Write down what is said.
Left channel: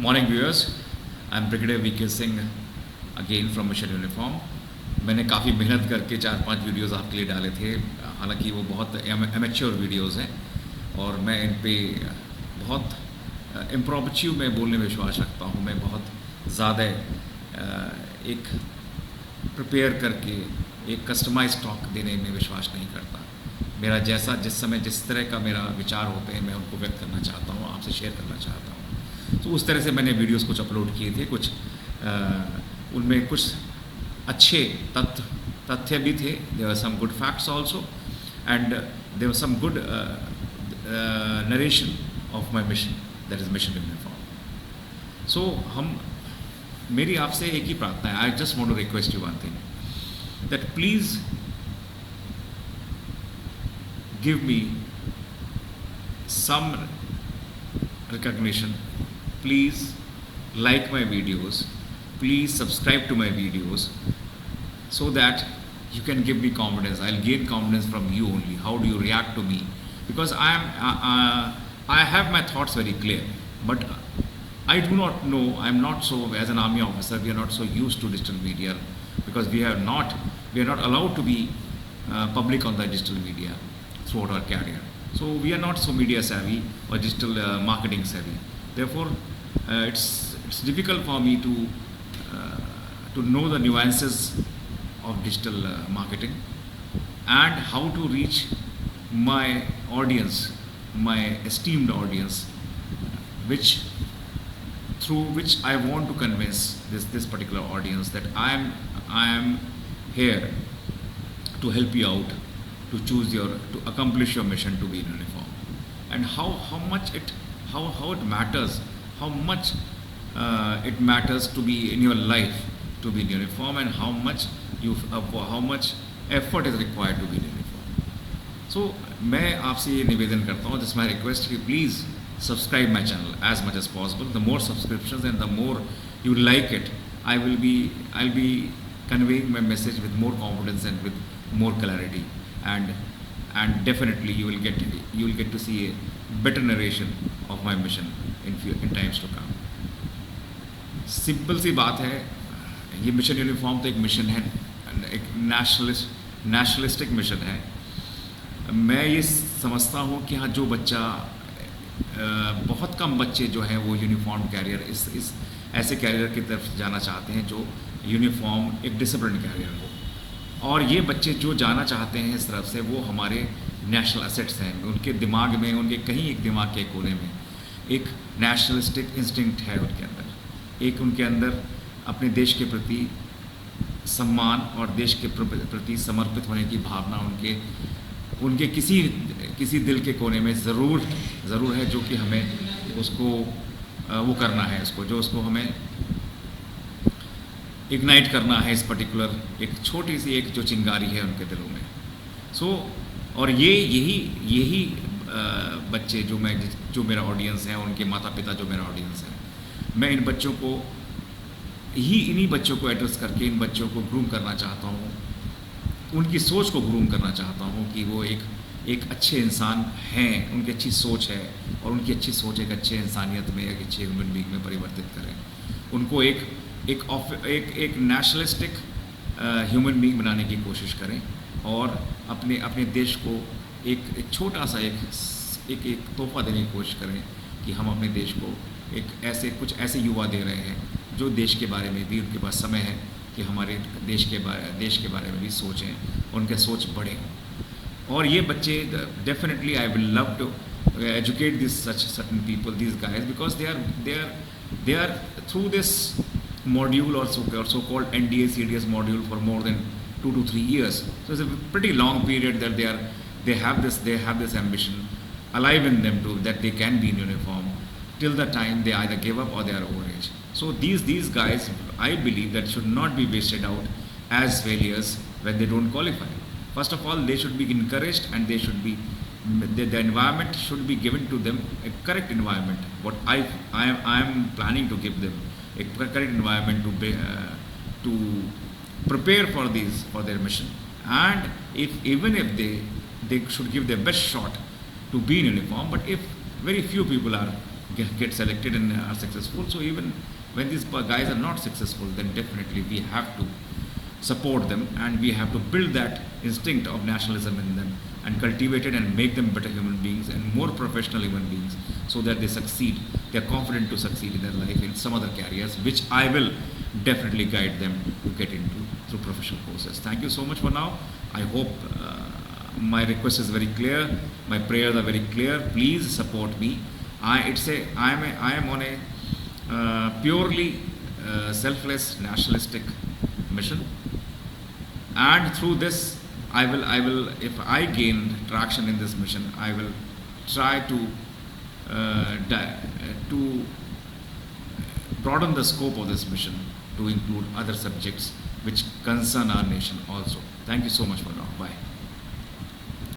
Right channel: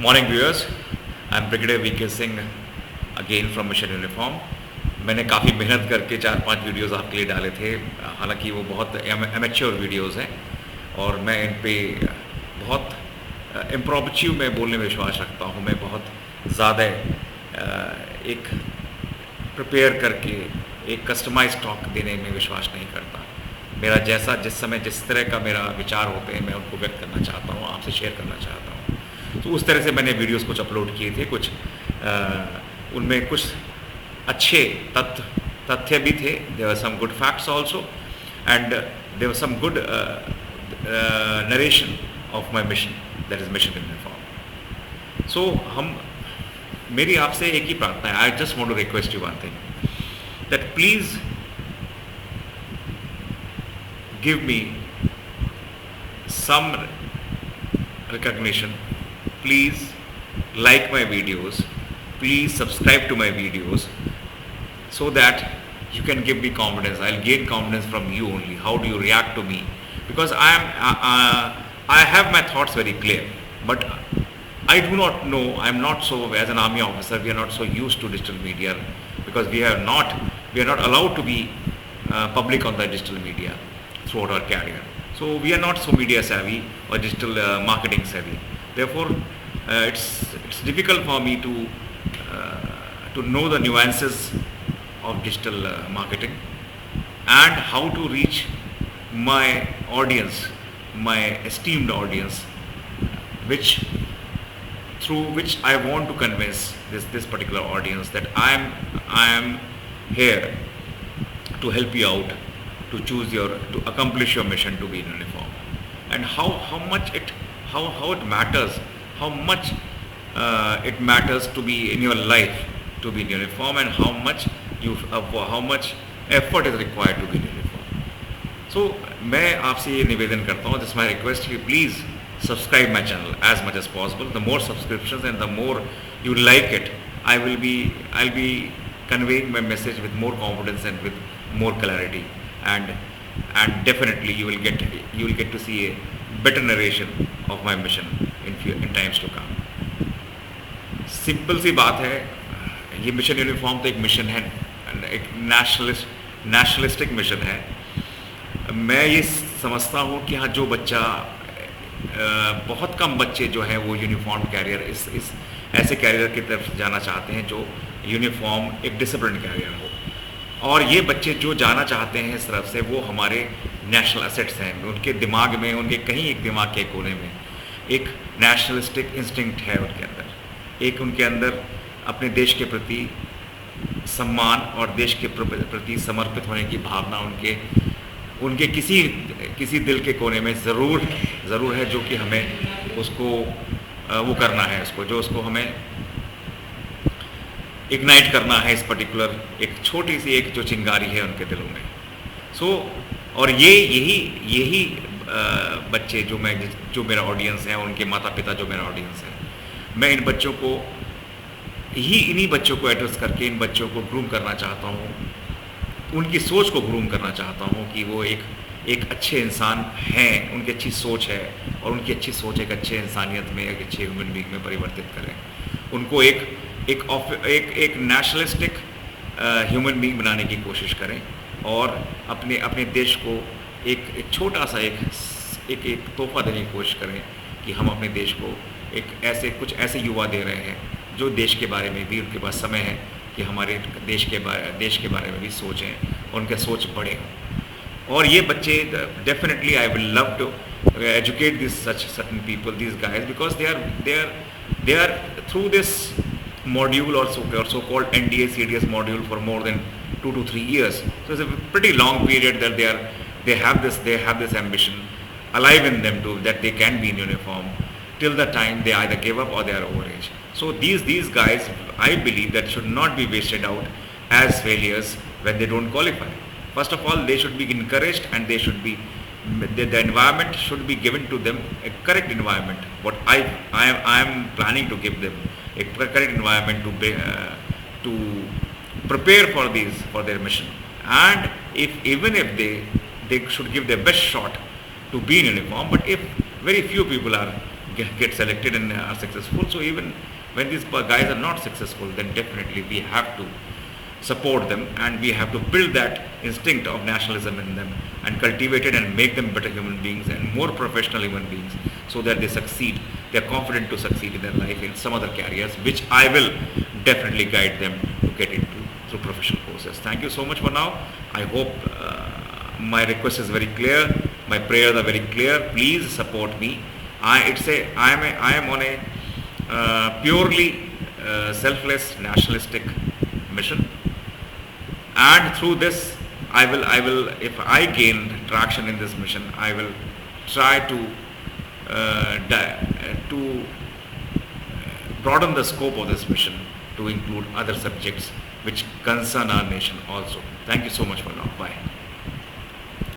Morning viewers, I am brigadier V K Singh again from mission uniform. मैंने काफ़ी मेहनत करके 4-5 वीडियोस आपके लिए डाले थे। हालांकि वो बहुत एमेच्योर वीडियोस हैं और मैं इन पे बहुत इम्प्रोम्प्चू में बोलने में विश्वास रखता हूँ। मैं बहुत ज़्यादा एक प्रिपेयर करके एक कस्टमाइज टॉक देने में विश्वास नहीं करता। मेरा जैसा जिस समय जिस तरह का मेरा विचार होते हैं मैं उनको व्यक्त करना चाहता हूँ, आपसे शेयर करना चाहता हूँ। तो उस तरह से मैंने वीडियोस कुछ अपलोड किए थे। कुछ उनमें कुछ अच्छे तथ्य भी थे। There were some good facts also and there were some good narration of my mission, that is mission uniform. So मेरी आपसे एक ही प्रार्थना है। I just want to request you one thing, that please give me some recognition. Please like my videos, please subscribe to my videos, so that you can give me confidence. I'll gain confidence from you only. How do you react to me? Because I have my thoughts very clear, but I do not know, I'm not so, as an army officer, we are not so used to digital media, because we are not allowed to be public on the digital media throughout our career. So we are not so media savvy or digital marketing savvy. Therefore, it's difficult for me to know the nuances of digital marketing and how to reach my audience, my esteemed audience, through which I want to convince this particular audience that I am here to help you out, to accomplish your mission to be in uniform, and how much it matters, how much it matters to be in your life to be in uniform, and how much effort is required to be in uniform. So मैं आपसे ये निवेदन करता हूँ, this is my request, कि please subscribe my channel as much as possible. The more subscriptions and the more you like it, I'll be conveying my message with more confidence and with more clarity. And definitely you will get to see a better narration of my mission in times to come. Simple सी बात है, ये mission uniform तो एक mission है, एक nationalistic mission है। मैं ये समझता हूँ कि हाँ, जो बच्चा बहुत कम बच्चे जो हैं वो यूनिफॉर्म कैरियर इस ऐसे कैरियर की तरफ जाना चाहते हैं जो यूनिफॉर्म एक डिसिप्लिन कैरियर हो, और ये बच्चे जो जाना चाहते हैं इस तरफ से वो हमारे नेशनल एसेट्स हैं। उनके दिमाग में, उनके कहीं एक दिमाग के कोने में एक नेशनलिस्टिक इंस्टिंक्ट है उनके अंदर, एक उनके अंदर अपने देश के प्रति सम्मान और देश के प्रति समर्पित होने की भावना उनके किसी दिल के कोने में ज़रूर है, जो कि हमें उसको वो करना है, उसको हमें इग्नाइट करना है, इस पर्टिकुलर एक छोटी सी एक जो चिंगारी है उनके दिलों में। और यही बच्चे जो मेरा ऑडियंस है, उनके माता पिता जो मेरा ऑडियंस है, मैं इन्हीं बच्चों को एड्रेस करके इन बच्चों को ग्रूम करना चाहता हूँ, उनकी सोच को ग्रूम करना चाहता हूँ कि वो एक अच्छे इंसान हैं, उनकी अच्छी सोच है, और उनकी अच्छी सोच एक अच्छे इंसानियत में, एक अच्छे ह्यूमन बीइंग में परिवर्तित करें, उनको एक नेशनलिस्टिक ह्यूमन बीइंग बनाने की कोशिश करें, और अपने देश को एक छोटा सा एक तोहफा देने की कोशिश करें कि हम अपने देश को कुछ ऐसे युवा दे रहे हैं जो देश के बारे में भी उनके पास समय है कि हमारे देश के बारे में भी सोचें, उनके सोच बड़े हों। और ये बच्चे definitely I will love to educate this certain people, this guys, because they are through this module or so-called NDA CDS module for more than 2 to 3 years. So it's a pretty long period that they have this ambition alive in them that they can be in uniform till the time they either give up or they are over age. So these guys, I believe, that should not be wasted out as failures when they don't qualify. First of all, they should be encouraged, and the environment should be given to them, a correct environment. What I am planning to give them a correct environment to prepare for their mission, and even if they should give their best shot to be in uniform. But if very few people are get selected and are successful. So even when these guys are not successful, then definitely we have to support them, and we have to build that instinct of nationalism in them and cultivate it and make them better human beings and more professional human beings, so that they succeed, they are confident to succeed in their life in some other careers, which I will definitely guide them to get into through professional courses. Thank you so much for now. I hope my request is very clear, my prayers are very clear. Please support me. I am on a purely selfless nationalistic mission, and through this I will, if I gain traction in this mission, I will try to broaden the scope of this mission to include other subjects which concern our nation also. Thank you so much for now. Bye.